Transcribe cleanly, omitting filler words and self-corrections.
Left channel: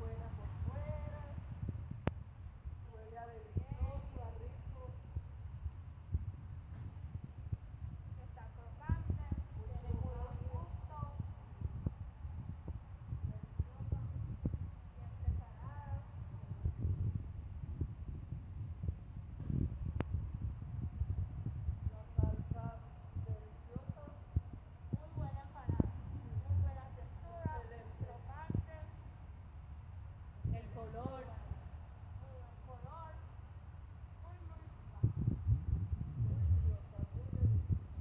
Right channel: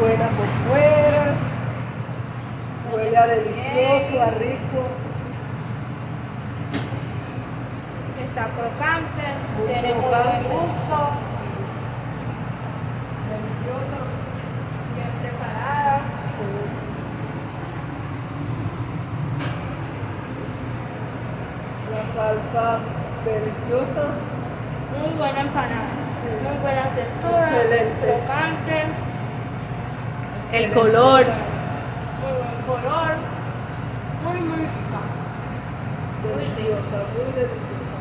buena por fuera, huele a delicioso, a rico. Está crocante, Muy tiene muy buen crocante. gusto, Delicioso. bien preparada. La salsa deliciosa. Muy buena empanada, muy buena textura, Excelente. crocante, El color. muy buen color, muy rica. Deliciosa, muy deliciosa.